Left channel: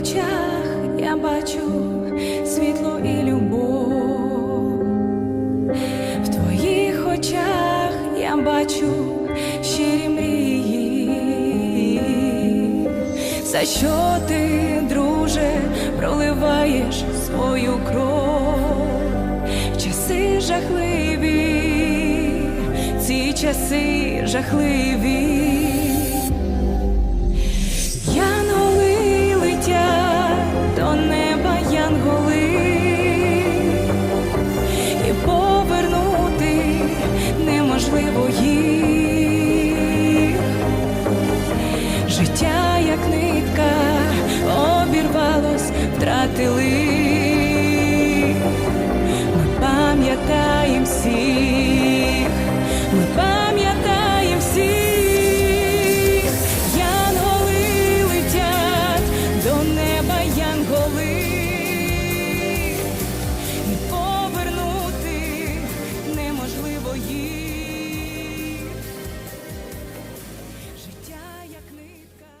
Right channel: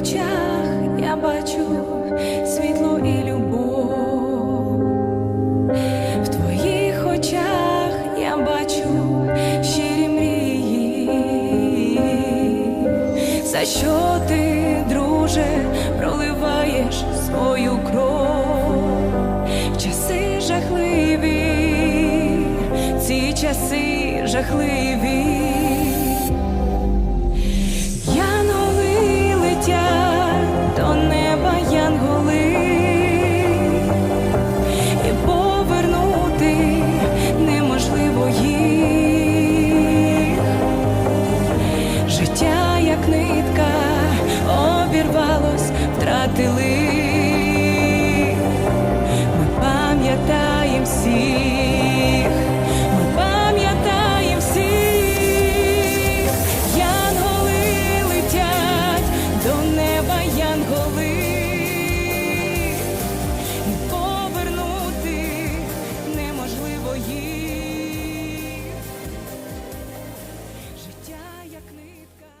очах я бачу світло і любов. В твоїх очах я бачу щирі мрії. За що ти, друже, проливаєш свою кров? Часи жахливі, ці часи жахливі. Повернути неможливо їх. Життя, як нитка, обірвалось, втратили. Ми пам'ятаєм всіх, ми пам'ятаєм всіх, янголи летять до неба янголи, можливо їм життя як нитка.